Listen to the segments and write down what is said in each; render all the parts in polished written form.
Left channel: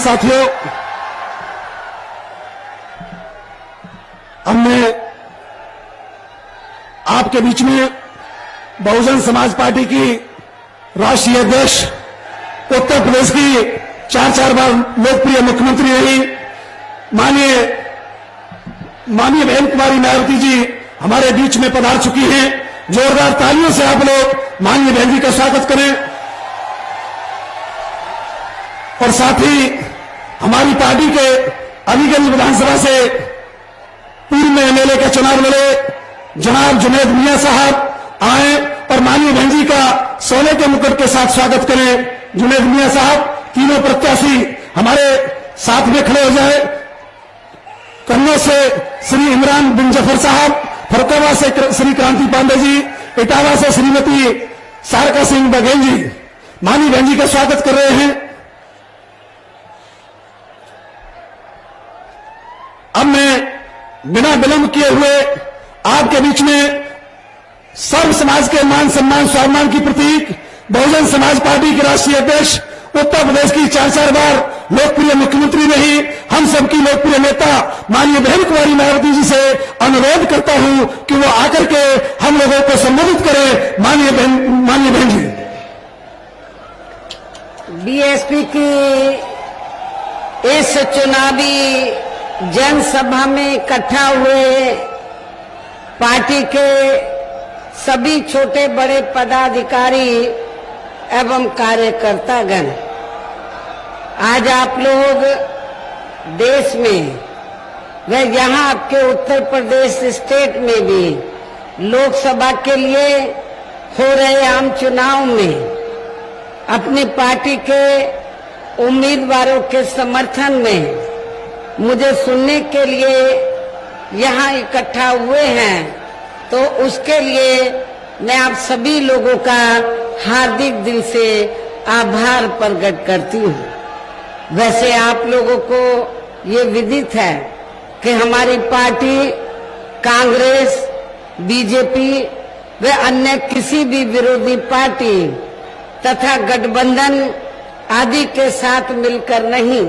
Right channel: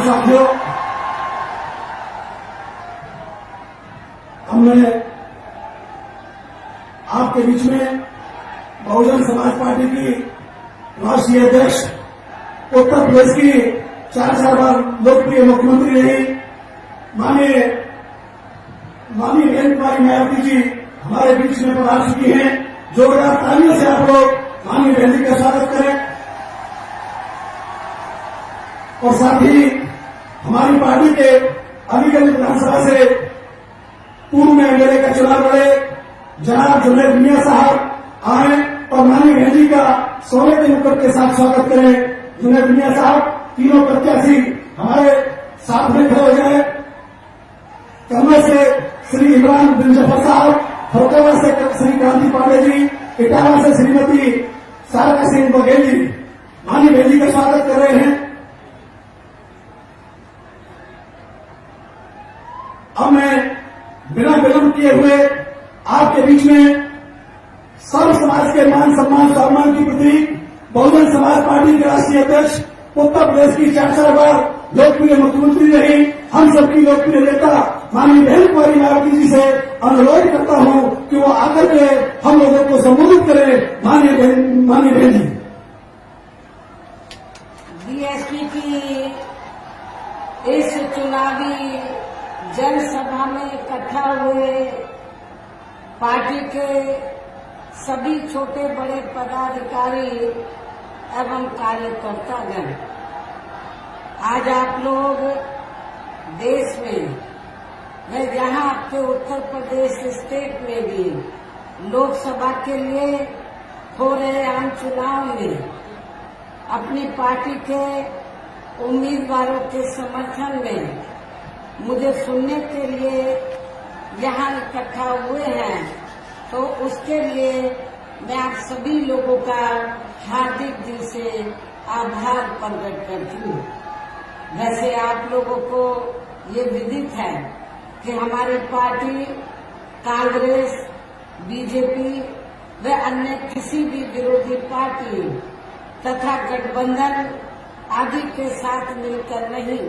साथियों, हमने आपके बीच में बहुजन समाज पार्टी की राष्ट्रीय अध्यक्ष, उत्तर प्रदेश की 4 बार लोकप्रिय मुख्यमंत्री रही माननीय बहन कुमारी मायावती जी हमारे बीच में पधार चुकी हैं। जोरदार तालियों से आप लोग माननीय बहन जी का स्वागत करें। और साथ ही हमारी पार्टी के अलीगंज विधानसभा से पूर्व में एमएलए के चुनाव लड़े जनाब जुनैद मियां साहब आए और माननीय बहन जी का सोने के मुकुट के साथ स्वागत करें। जुनैद मियां साहब, तीनों प्रत्याशी हमारे साथ में खड़े हो जाए। कन्या से श्री इमरान बिन जफर साहब, फरकवा से श्री क्रांति पांडे जी, इटावा से श्रीमती सारका सिंह बघेल जी माननीय बहन जी का स्वागत कर रहे हैं। अब मैं बिना विलंब किए हुए आपके बीच में सर्व समाज के मान सम्मान स्वाभिमान की प्रतीक बहुजन समाज पार्टी की राष्ट्रीय अध्यक्ष, उत्तर प्रदेश की 4 बार लोकप्रिय मुख्यमंत्री रही, हम सबकी लोकप्रिय नेता माननीय बहन कुमारी मायावती जी से अनुरोध करता हूं कि वो आकर के हम लोगों को संबोधित करें। माननीय बहन जी। बीएसपी की इस चुनावी जनसभा में इकट्ठा हुए पार्टी के सभी छोटे बड़े पदाधिकारी एवं कार्यकर्तागण, आज आप लोग देश में व यहाँ आपके उत्तर प्रदेश स्टेट में भी लोकसभा के लिए हो रहे आम चुनाव में अपनी पार्टी के उम्मीदवारों के समर्थन में मुझे सुनने के लिए यहाँ इकट्ठा हुए हैं, तो उसके लिए मैं आप सभी लोगों का हार्दिक दिल से आभार प्रकट करती हूँ। वैसे आप लोगों को ये विदित है कि हमारी पार्टी कांग्रेस, बीजेपी व अन्य किसी भी विरोधी पार्टी तथा गठबंधन आदि के साथ मिलकर नहीं,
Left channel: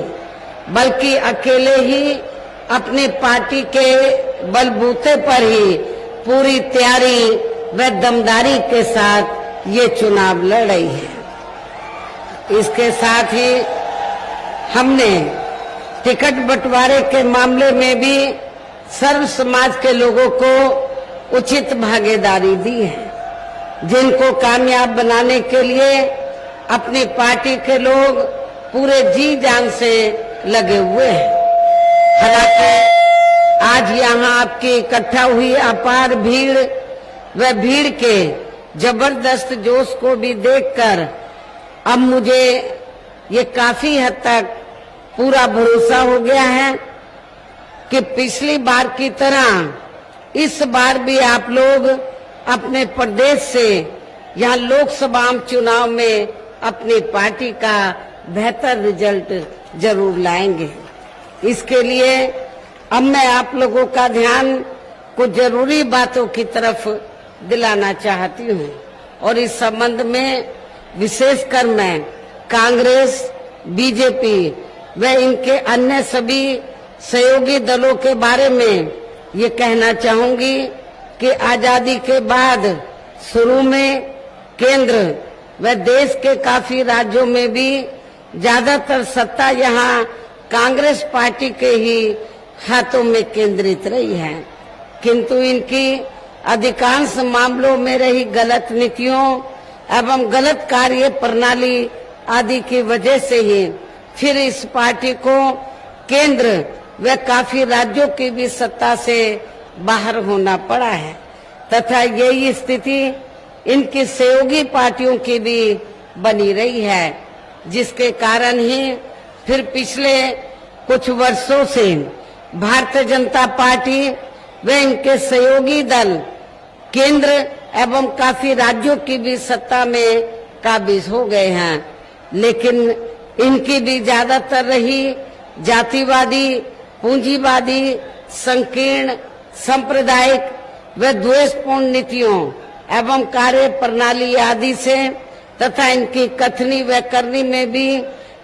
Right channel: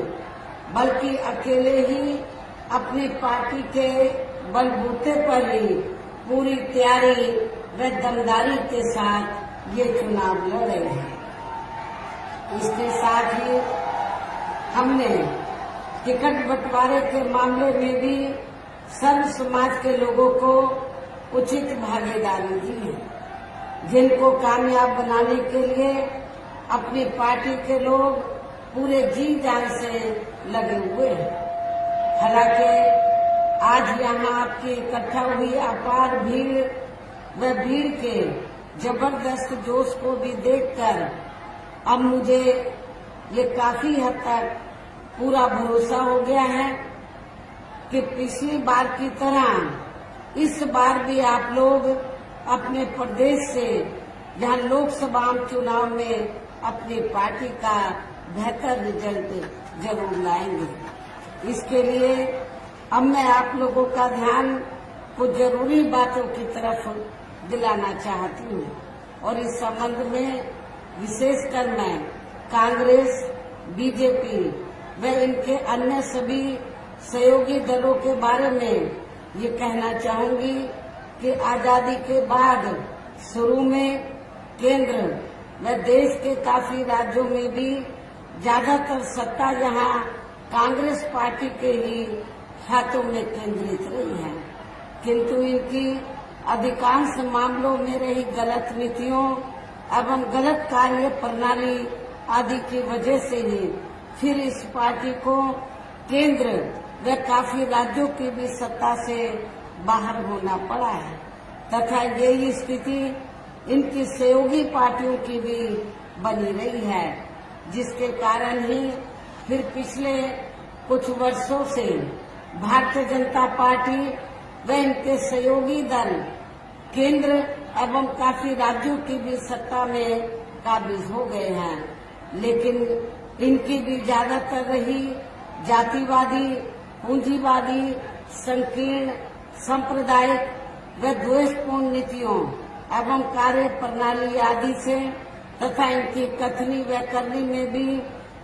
बल्कि अकेले ही अपनी पार्टी के बलबूते पर ही पूरी तैयारी व दमदारी के साथ ये चुनाव लड़ रही है। इसके साथ ही हमने टिकट बंटवारे के मामले में भी सर्व समाज के लोगों को उचित भागीदारी दी है, जिनको कामयाब बनाने के लिए अपनी पार्टी के लोग पूरे जी जान से लगे हुए हैं। हालांकि आज यहाँ आपकी इकट्ठा हुई अपार भीड़ व भीड़ के जबरदस्त जोश को भी देखकर अब मुझे ये काफी हद तक पूरा भरोसा हो गया है कि पिछली बार की तरह इस बार भी आप लोग अपने प्रदेश से यहाँ लोकसभा चुनाव में अपनी पार्टी का बेहतर रिजल्ट जरूर लाएंगे। इसके लिए अब मैं आप लोगों का ध्यान कुछ जरूरी बातों की तरफ दिलाना चाहती हूँ और इस संबंध में विशेषकर मैं कांग्रेस, बीजेपी व इनके अन्य सभी सहयोगी दलों के बारे में ये कहना चाहूंगी कि आजादी के बाद शुरू में केंद्र व देश के काफी राज्यों में भी ज्यादातर सत्ता यहाँ कांग्रेस पार्टी के ही हाथों में केंद्रित रही है, किंतु इनकी अधिकांश मामलों में रही गलत नीतियों एवं गलत कार्य प्रणाली आदि की वजह से ही फिर इस पार्टी को केंद्र व काफी राज्यों की भी सत्ता से बाहर होना पड़ा है तथा यही स्थिति इनकी सहयोगी पार्टियों की भी बनी रही है, जिसके कारण ही फिर पिछले कुछ वर्षों से भारतीय जनता पार्टी व इनके सहयोगी दल केंद्र एवं काफी राज्यों की भी सत्ता में काबिज हो गए हैं, लेकिन इनकी भी ज्यादातर रही जातिवादी, पूंजीवादी, संकीर्ण, सांप्रदायिक व द्वेषपूर्ण नीतियों एवं कार्य प्रणाली आदि से तथा इनकी कथनी व करनी में भी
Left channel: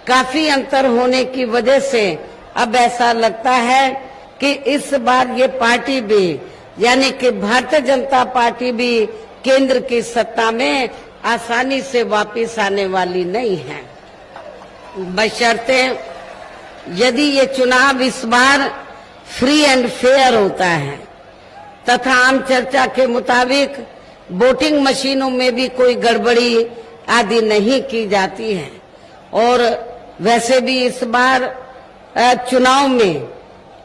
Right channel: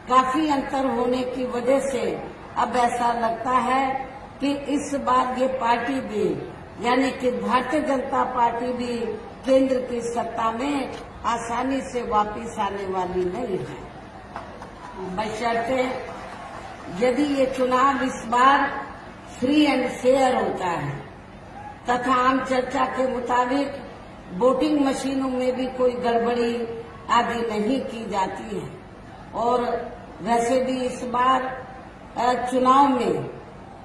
काफी अंतर होने की वजह से अब ऐसा लगता है कि इस बार ये पार्टी भी, यानी कि भारतीय जनता पार्टी भी केंद्र की सत्ता में आसानी से वापस आने वाली नहीं है, बशर्ते यदि ये चुनाव इस बार फ्री एंड फेयर होता है तथा आम चर्चा के मुताबिक वोटिंग मशीनों में भी कोई गड़बड़ी आदि नहीं की जाती है। और वैसे भी इस बार चुनाव में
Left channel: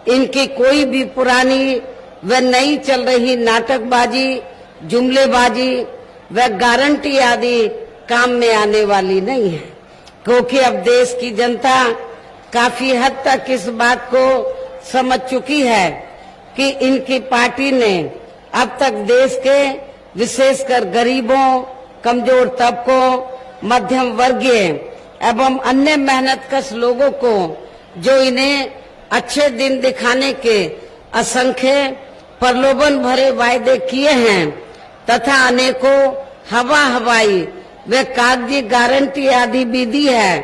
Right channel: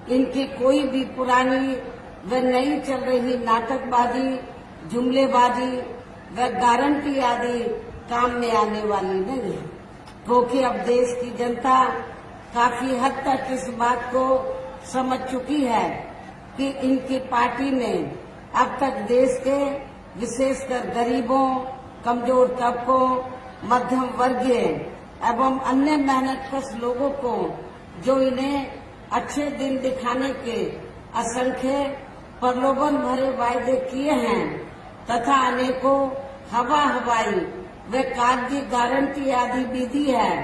इनकी कोई भी पुरानी व नई चल रही नाटकबाजी, जुमलेबाजी व गारंटी आदि काम में आने वाली नहीं है, क्योंकि अब देश की जनता काफी हद तक इस बात को समझ चुकी है कि इनकी पार्टी ने अब तक देश के विशेषकर गरीबों, कमजोर तबकों, मध्यम वर्गीय एवं अन्य मेहनतकश लोगों को जो इन्हें अच्छे दिन दिखाने के असंख्य प्रलोभन भरे वायदे किए हैं तथा अनेकों हवाई व कागजी गारंटी आदि भी दी है,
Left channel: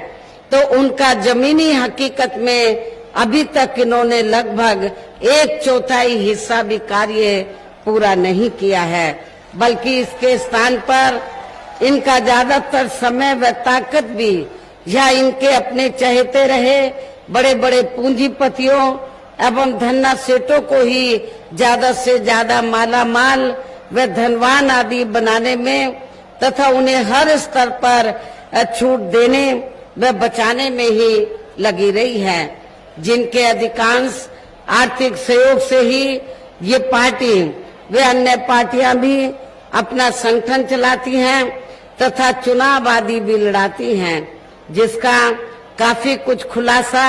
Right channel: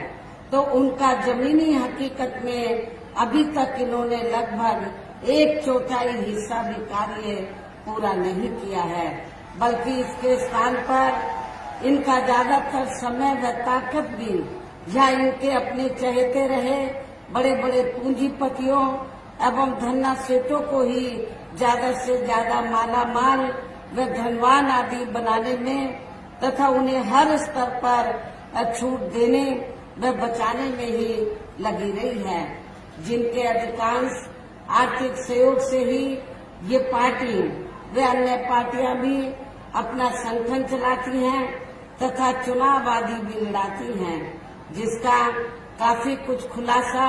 तो उनका जमीनी हकीकत में अभी तक इन्होंने लगभग 1/4 हिस्सा भी कार्य पूरा नहीं किया है, बल्कि इसके स्थान पर इनका ज्यादातर समय व ताकत भी या इनके अपने चहेते रहे बड़े बड़े पूंजीपतियों एवं धन्ना सेठों को ही ज्यादा से ज्यादा माला माल व धनवान आदि बनाने में तथा उन्हें हर स्तर पर छूट देने व बचाने में ही लगी रही है, जिनके अधिकांश आर्थिक सहयोग से ही ये पार्टी व अन्य पार्टियां भी अपना संगठन चलाती हैं तथा चुनाव आदि भी लड़ाती हैं, जिसका काफी कुछ खुलासा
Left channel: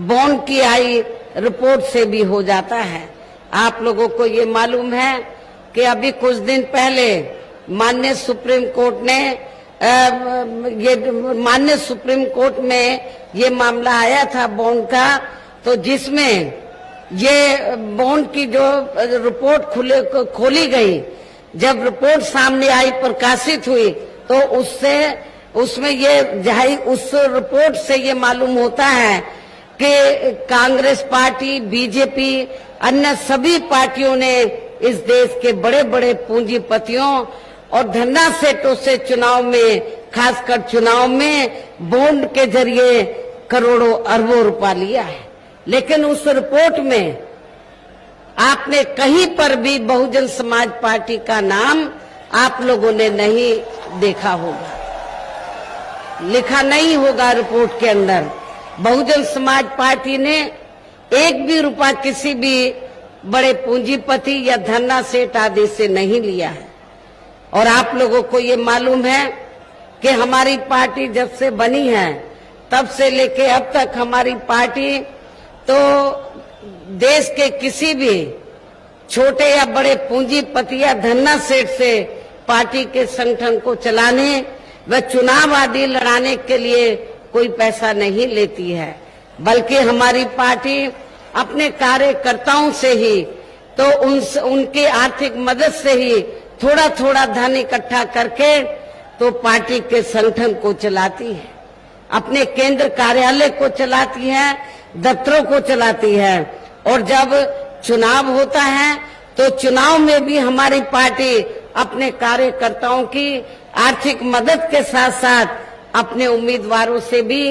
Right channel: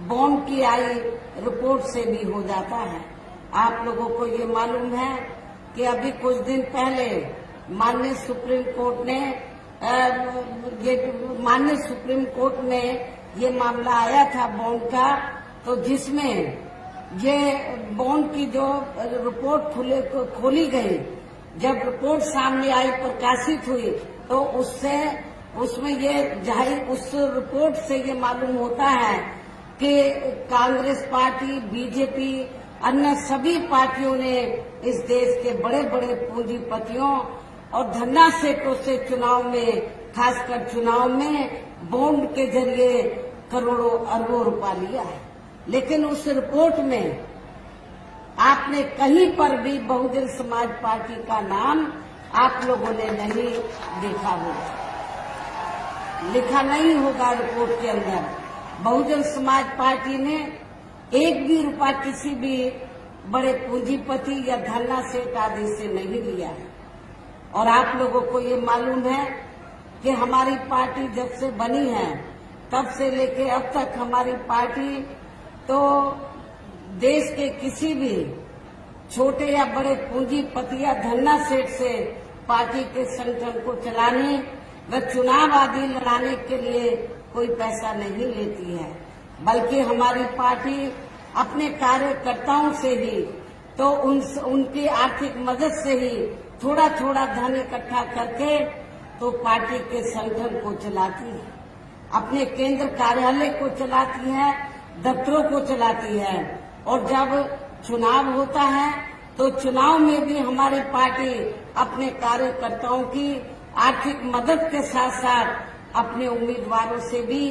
बॉन्ड की आई रिपोर्ट से भी हो जाता है। आप लोगों को ये मालूम है कि अभी कुछ दिन पहले माननीय सुप्रीम कोर्ट में ये मामला आया था बॉन्ड का, तो जिसमें ये बॉन्ड की जो रिपोर्ट खोली गई, जब रिपोर्ट सामने आई, प्रकाशित हुई, तो उसमें ये उस रिपोर्ट से ये मालूम होता है कि कांग्रेस पार्टी, बीजेपी, अन्य सभी पार्टियों ने इस देश के बड़े बड़े पूंजीपतियों और धन्ना सेठों से चुनाव में, खासकर चुनाव में बॉन्ड के जरिए करोड़ों अरबों रुपया लिया है। लेकिन उस रिपोर्ट में आपने कहीं पर भी बहुजन समाज पार्टी का नाम आप लोगों ने नहीं देखा होगा, लिखा नहीं होगा रिपोर्ट के अंदर। बहुजन समाज पार्टी ने एक भी रुपया किसी भी बड़े पूंजीपति या धन्ना सेठ आदि से नहीं लिया है। और आप लोगों को ये मालूम है कि हमारी पार्टी जब से बनी है तब से लेके अब तक हमारी पार्टी तो देश के किसी भी छोटे या बड़े पूंजीपति या धन्ना सेठ से पार्टी के संगठन को चलाने व चुनाव आदि लड़ाने के लिए कोई पैसा नहीं लेती है, बल्कि हमारी पार्टी अपने कार्यकर्ताओं से ही, तो उनके आर्थिक मदद से ही थोड़ा थोड़ा धन इकट्ठा करके तो पार्टी के संगठन को चलाती है, अपने केंद्र कार्यालय को चलाती है, दफ्तरों को चलाती है। और जब चुनाव होता है तो चुनाव में भी हमारी पार्टी अपने कार्यकर्ताओं की आर्थिक मदद के साथ साथ अपने उम्मीदवारों से भी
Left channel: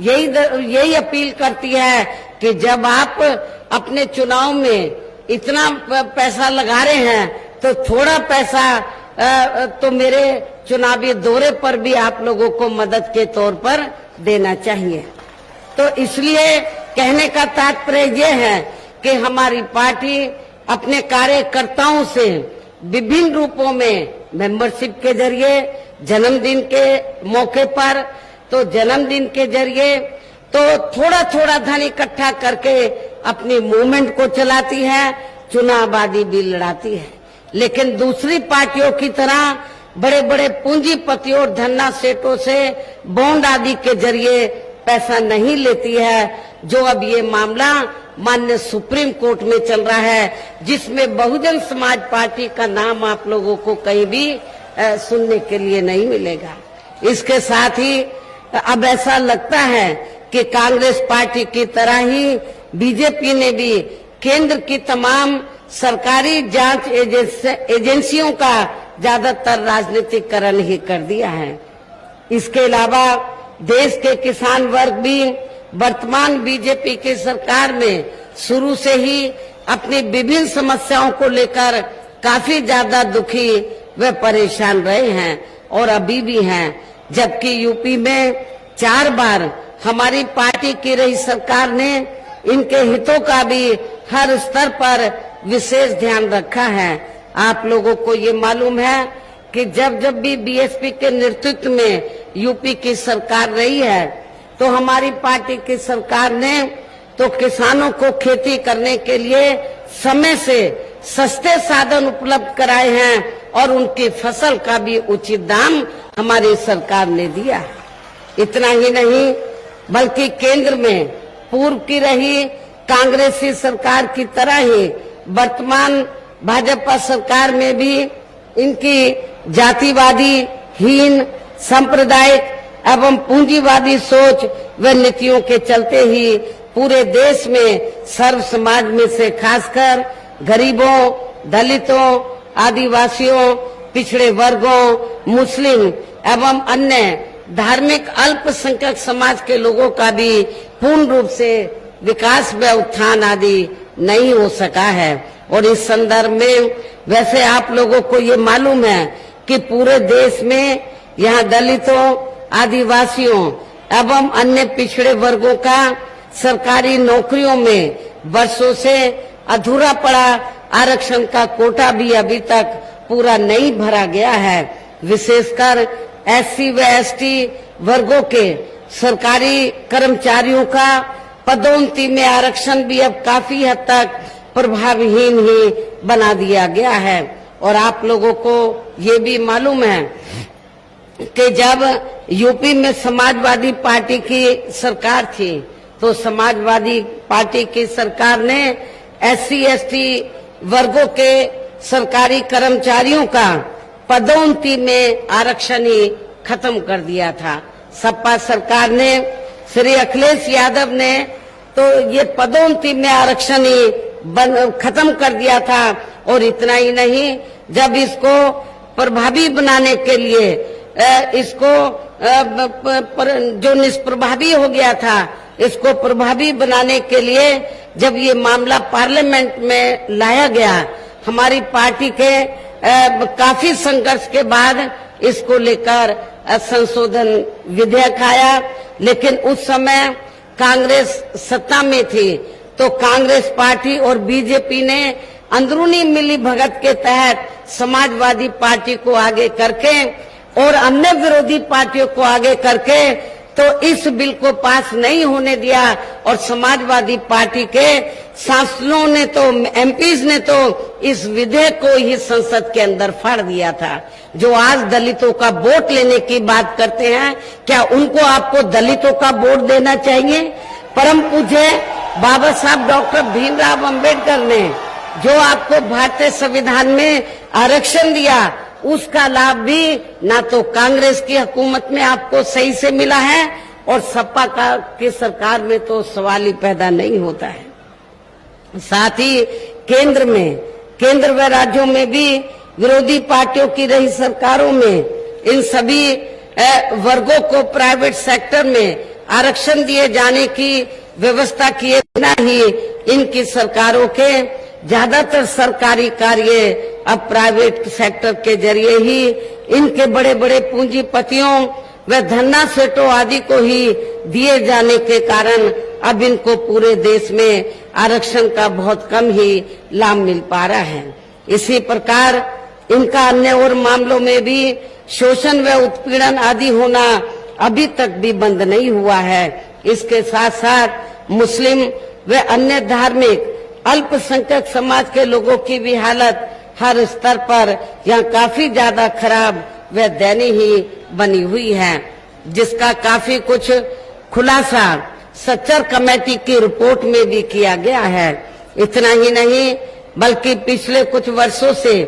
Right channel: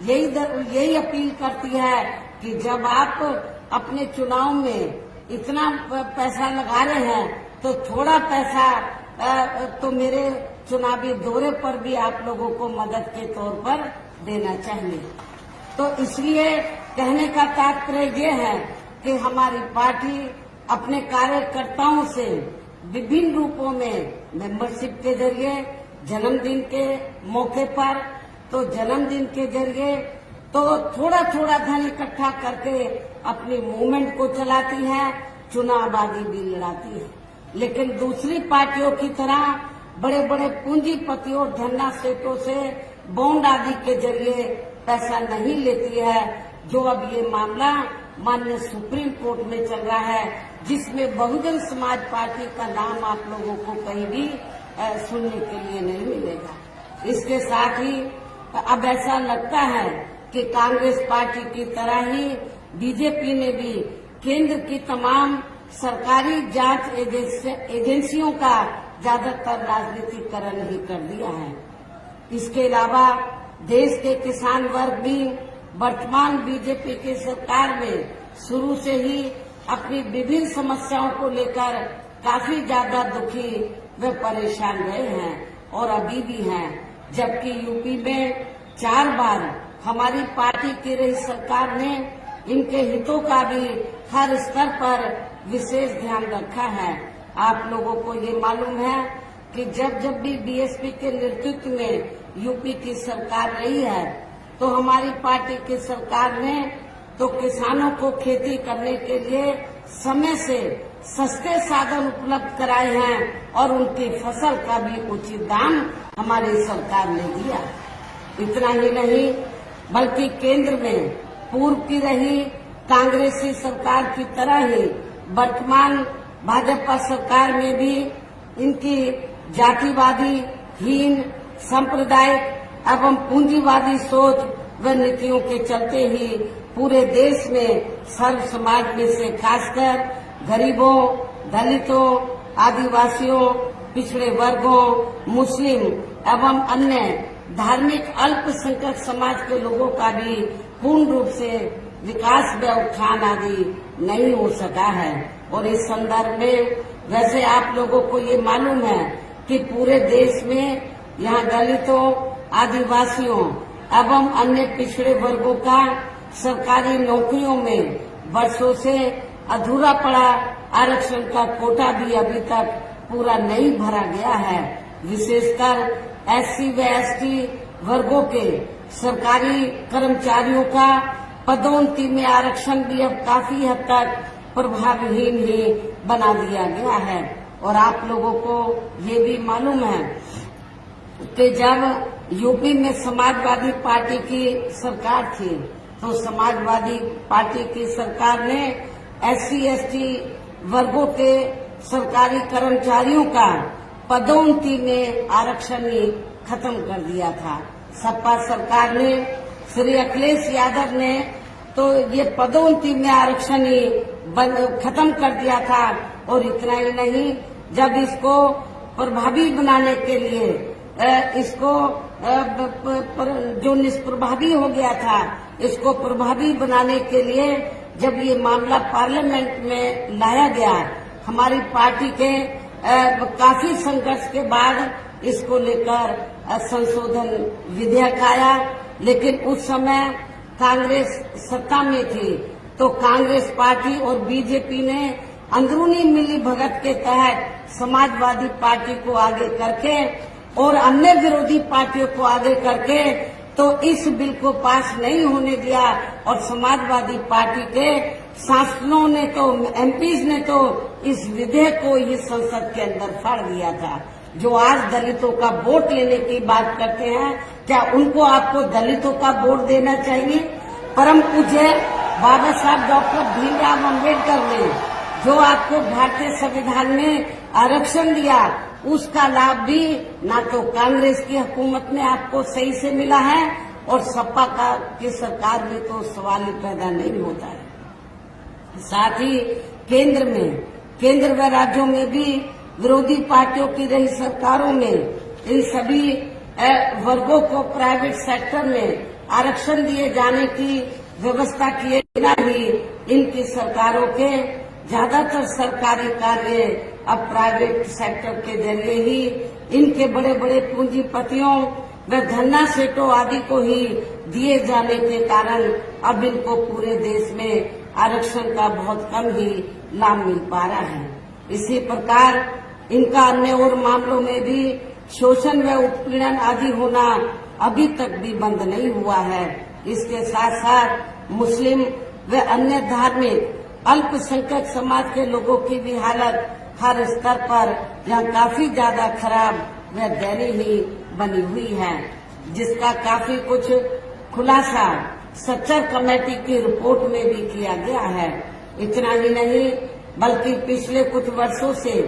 यही अपील करती है कि जब आप अपने चुनाव में इतना पैसा लगा रहे हैं तो थोड़ा पैसा तो मेरे चुनावी दौरे पर भी आप लोगों को मदद के तौर पर देना चाहिए। तो इसलिए कहने का तात्पर्य ये है कि हमारी पार्टी अपने कार्यकर्ताओं से विभिन्न रूपों में मेंबरशिप के जरिए, जन्मदिन के मौके पर तो जन्मदिन के जरिए तो थोड़ा थोड़ा धन इकट्ठा करके अपनी मूवमेंट को चलाती है, चुनाव आदि भी लड़ाती है। लेकिन दूसरी पार्टियों की तरह बड़े बड़े पूंजीपतियों और धन्ना सेठों से बॉन्ड आदि के जरिए पैसा नहीं लेती है, जो अब ये मामला माननीय सुप्रीम कोर्ट में चल रहा है, जिसमें बहुजन समाज पार्टी का नाम आप लोगों को कहीं भी सुनने के लिए नहीं मिलेगा। इसके साथ ही अब ऐसा लगता है कि कांग्रेस पार्टी की तरह ही बीजेपी ने भी केंद्र की तमाम सरकारी जांच एजेंसियों का ज्यादातर राजनीतिकरण ही कर दिया है। इसके अलावा देश के किसान वर्ग भी वर्तमान बीजेपी की सरकार में शुरू से ही अपनी विभिन्न समस्याओं को लेकर काफी ज्यादा दुखी व परेशान रहे हैं और अभी भी हैं। जबकि यूपी में 4 बार हमारी पार्टी की रही सरकार ने इनके हितों का भी हर स्तर पर विशेष ध्यान रखा है। आप लोगों को ये मालूम है कि जब भी बीएसपी के नेतृत्व में यूपी की सरकार रही है तो हमारी पार्टी की सरकार ने तो किसानों को खेती करने के लिए समय से सस्ते साधन उपलब्ध कराए हैं और उनकी फसल का भी उचित दाम हमारी सरकार ने दिया। इतना ही नहीं बल्कि केंद्र में पूर्व की रही कांग्रेसी सरकार की तरह ही वर्तमान भाजपा सरकार में भी इनकी जातिवादी, हीन, सांप्रदायिक एवं पूंजीवादी सोच व नीतियों के चलते ही पूरे देश में सर्व समाज में से खासकर गरीबों, दलितों, आदिवासियों, पिछड़े वर्गों, मुस्लिम एवं अन्य धार्मिक अल्पसंख्यक समाज के लोगों का भी पूर्ण रूप से विकास व उत्थान आदि नहीं हो सका है। और इस संदर्भ में वैसे आप लोगों को ये मालूम है कि पूरे देश में यहाँ दलितों, आदिवासियों एवं अन्य पिछड़े वर्गों का सरकारी नौकरियों में वर्षों से अधूरा पड़ा आरक्षण का कोटा भी अभी तक पूरा नहीं भरा गया है। विशेषकर एससी व एसटी वर्गों के सरकारी कर्मचारियों का पदोन्नति में आरक्षण भी अब काफी हद तक प्रभावहीन ही बना दिया गया है। और आप लोगों को ये भी मालूम है कि जब यूपी में समाजवादी पार्टी की सरकार थी तो समाजवादी पार्टी की सरकार ने एससी एसटी वर्गों के सरकारी कर्मचारियों का पदोन्नति में आरक्षण ही खत्म कर दिया था। सपा सरकार ने, श्री अखिलेश यादव ने तो ये पदोन्नति में आरक्षण ही खत्म कर दिया था। और इतना ही नहीं, जब इसको प्रभावी बनाने के लिए इसको जो निष्प्रभावी हो गया था, इसको प्रभावी बनाने के लिए जब ये मामला पार्लियामेंट में लाया गया, हमारी पार्टी के काफी संघर्ष के बाद इसको लेकर संशोधन विधेयक आया। लेकिन उस समय कांग्रेस सत्ता में थी तो कांग्रेस पार्टी और बीजेपी ने अंदरूनी मिली भगत के तहत समाजवादी पार्टी को आगे करके और अन्य विरोधी पार्टियों को आगे करके तो इस बिल को पास नहीं होने दिया। और समाजवादी पार्टी के सांसदों ने तो, एमपीज ने तो इस विधेयक को ही संसद के अंदर फाड़ दिया था। जो आज दलितों का वोट लेने की बात करते हैं, क्या उनको आपको दलितों का वोट देना चाहिए? परम पूज्य बाबा साहब डॉक्टर भीमराव अंबेडकर ने जो आपको भारतीय संविधान में आरक्षण दिया, उसका लाभ भी ना तो कांग्रेस की हुकूमत में आपको सही से मिला है और सपा की सरकार में तो सवाल ही पैदा नहीं होता है। साथ ही केंद्र व राज्यों में भी विरोधी पार्टियों की रही सरकारों में इन सभी वर्गों को प्राइवेट सेक्टर में आरक्षण दिए जाने की व्यवस्था किए बिना ही इनकी सरकारों के ज्यादातर सरकारी कार्य अब प्राइवेट सेक्टर के जरिए ही इनके बड़े बड़े पूंजीपतियों व धन्ना सेठों आदि को ही दिए जाने के कारण अब इनको पूरे देश में आरक्षण का बहुत कम ही लाभ मिल पा रहा है। इसी प्रकार इनका अन्य और मामलों में भी शोषण व उत्पीड़न आदि होना अभी तक भी बंद नहीं हुआ है। इसके साथ साथ मुस्लिम व अन्य धार्मिक अल्पसंख्यक समाज के लोगों की भी हालत हर स्तर पर यहाँ काफी ज्यादा खराब व दयनीय ही बनी हुई है, जिसका काफी कुछ खुलासा सच्चर कमेटी की रिपोर्ट में भी किया गया है। इतना ही नहीं बल्कि पिछले कुछ वर्षों से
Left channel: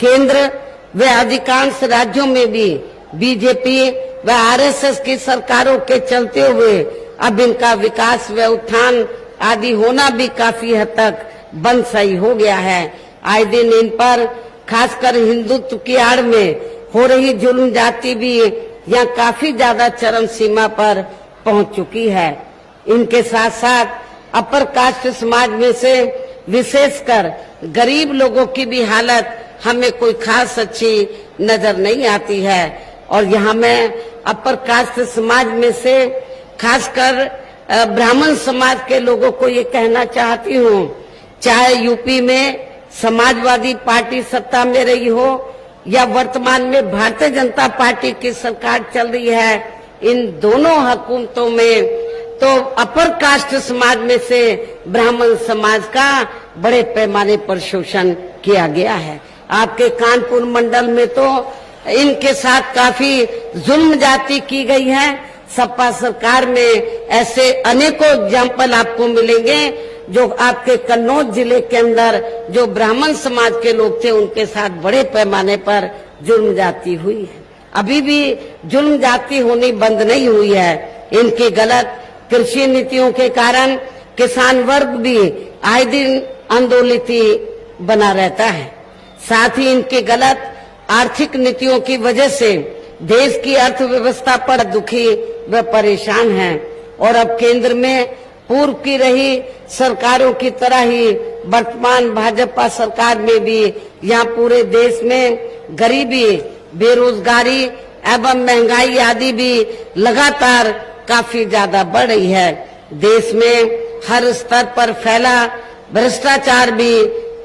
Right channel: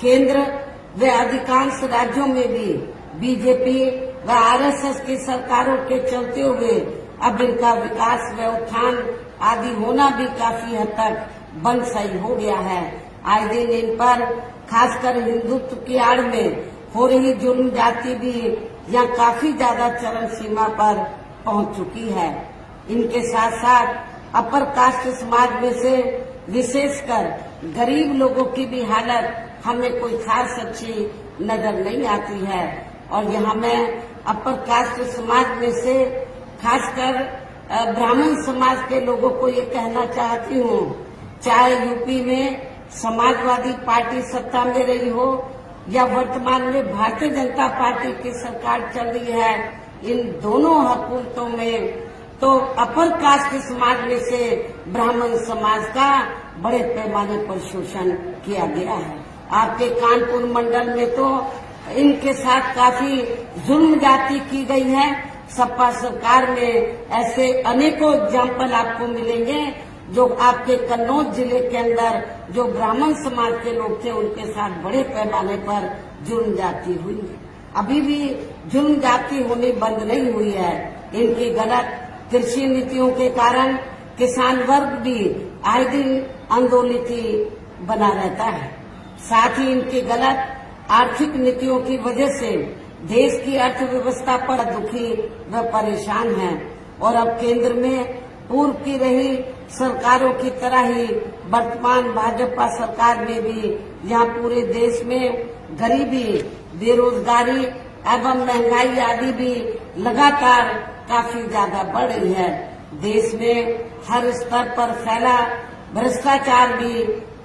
केंद्र व अधिकांश राज्यों में भी बीजेपी व आरएसएस की सरकारों के चलते हुए अब इनका विकास व उत्थान आदि होना भी काफी हद तक बंद सही हो गया है। आए दिन इन पर खासकर हिंदुत्व की आड़ में हो रही जुल्म जाति भी यहाँ काफी ज्यादा चरम सीमा पर पहुंच चुकी है। इनके साथ साथ अपर कास्ट समाज में से विशेषकर गरीब लोगों की भी हालत हमें कोई खास अच्छी नजर नहीं आती है। और यहाँ मैं अपर कास्ट समाज में से खासकर ब्राह्मण समाज के लोगों को ये कहना चाहती हूँ, चाहे यूपी में समाजवादी पार्टी सत्ता में रही हो या वर्तमान में भारतीय जनता पार्टी की सरकार चल रही है, इन दोनों हुकूमतों में तो अपर कास्ट समाज में से ब्राह्मण समाज का बड़े पैमाने पर शोषण किया गया है। आपके कानपुर मंडल में तो इनके साथ काफी जुल्म जाति की गई है। सपा सरकार में ऐसे अनेकों एग्जाम्पल आपको मिलेंगे जो आपके कन्नौज जिले के अंदर जो ब्राह्मण समाज के लोग थे उनके साथ बड़े पैमाने पर जुल्म जाति हुई है। अभी भी जुल्म जाति होनी बंद नहीं हुई है। इनकी गलत कृषि नीतियों के कारण किसान वर्ग भी आए दिन आंदोलित बना रहता है। साथ ही इनकी गलत आर्थिक नीतियों की वजह से देश की अर्थव्यवस्था पर दुखी व परेशान हैं। और अब केंद्र में पूर्व की रही सरकारों की तरह ही वर्तमान भाजपा सरकार में भी यहाँ पूरे देश में गरीबी, बेरोजगारी एवं महंगाई आदि भी लगातार काफी ज्यादा बढ़ रही है। देश में हर स्तर पर फैला भ्रष्टाचार भी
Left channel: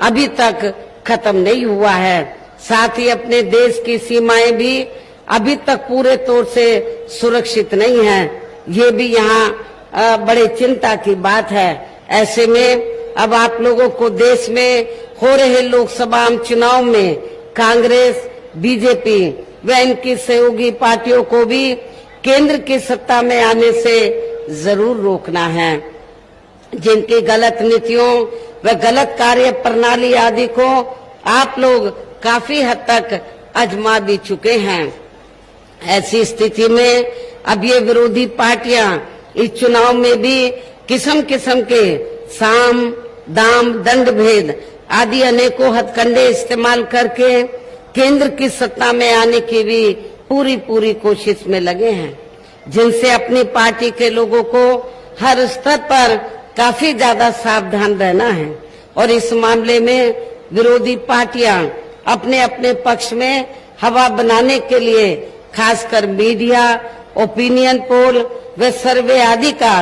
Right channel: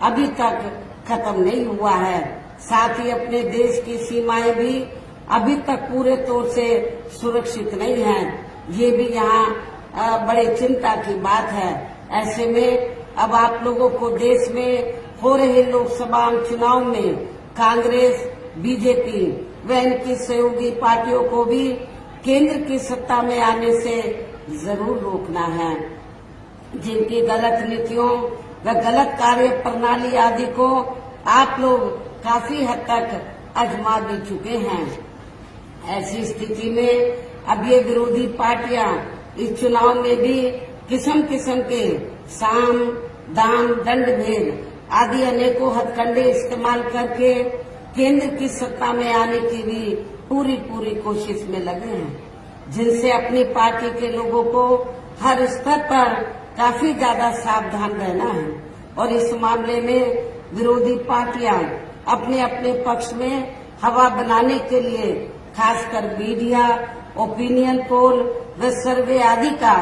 अभी तक खत्म नहीं हुआ है। साथ ही अपने देश की सीमाएं भी अभी तक पूरे तौर से सुरक्षित नहीं है। ये भी यहाँ बड़े चिंता की बात है। ऐसे में अब आप लोगों को देश में हो रहे लोकसभा चुनाव में कांग्रेस, बीजेपी व इनकी सहयोगी पार्टियों को भी केंद्र की सत्ता में आने से जरूर रोकना है। जिनकी गलत नीतियों व गलत कार्य प्रणाली आदि को आप लोग काफी हद तक आजमा भी चुके हैं। ऐसी स्थिति में अब ये विरोधी पार्टियां इस चुनाव में भी किस्म किस्म के साम, दाम, दंड भेद आदि अनेकों हथकंडे इस्तेमाल करके केंद्र की सत्ता में आने की भी पूरी कोशिश में लगे हैं, जिनसे अपनी पार्टी के लोगों को हर स्तर पर काफी ज्यादा सावधान रहना है। और इस मामले में विरोधी पार्टियां अपने अपने पक्ष में हवा बनाने के लिए खासकर मीडिया, ओपिनियन पोल व सर्वे आदि का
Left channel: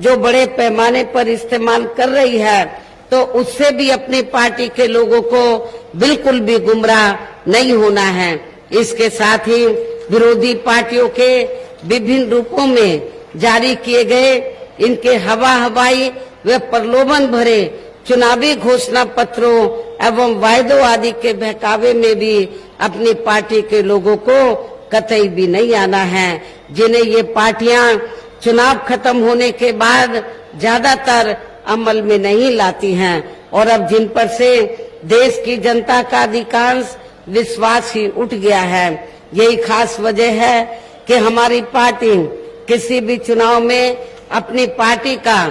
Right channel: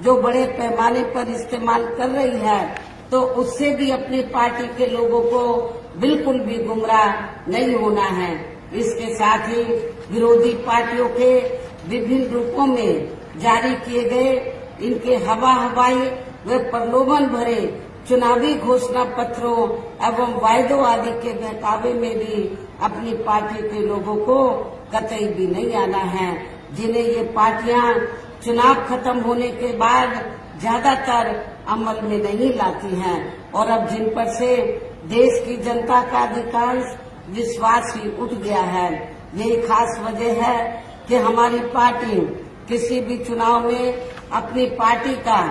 जो बड़े पैमाने पर इस्तेमाल कर रही है, तो उससे भी अपनी पार्टी के लोगों को बिल्कुल भी गुमराह नहीं होना है। इसके साथ ही विरोधी पार्टियों के विभिन्न रूपों में जारी किए गए इनके हवाई व प्रलोभन भरे चुनावी घोषणा पत्रों एवं वायदों आदि के बहकावे में भी अपनी पार्टी के लोगों को कतई भी नहीं आना है, जिन्हें ये पार्टियां चुनाव खत्म होने के बाद ज्यादातर अमल में नहीं लाती हैं और अब जिन पर से देश की जनता का अधिकांश विश्वास ही उठ गया है। यही खास वजह है कि हमारी पार्टी किसी भी चुनाव में अपनी पार्टी का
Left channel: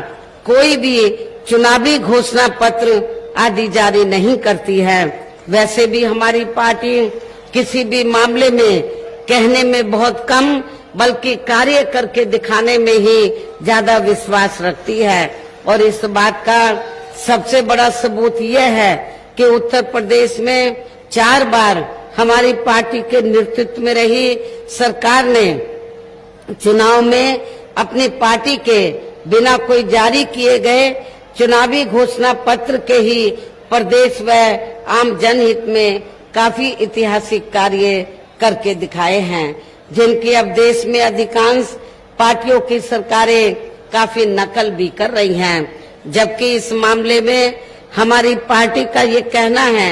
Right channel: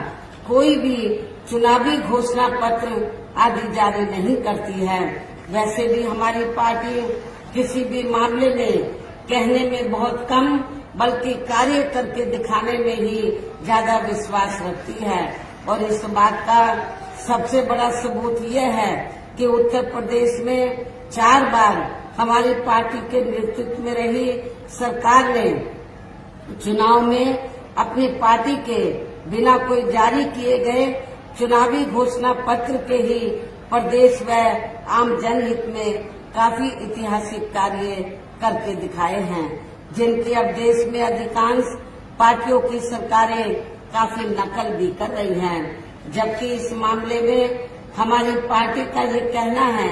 कोई भी चुनावी घोषणा पत्र आदि जारी नहीं करती है। वैसे भी हमारी पार्टी किसी भी मामले में कहने में बहुत कम बल्कि कार्य करके दिखाने में ही ज्यादा विश्वास रखती है। और इस बात का सबसे बड़ा सबूत यह है कि उत्तर प्रदेश में 4 बार हमारी पार्टी के नेतृत्व में रही सरकार ने चुनाव में अपनी पार्टी के बिना कोई जारी किए गए चुनावी घोषणा पत्र के ही प्रदेश व आम जनहित में काफी ऐतिहासिक कार्य करके दिखाए हैं, जिनकी अब देश में अधिकांश पार्टियों की सरकारें काफी नकल भी कर रही हैं। जबकि इस मामले में हमारी पार्टी का ये कहना है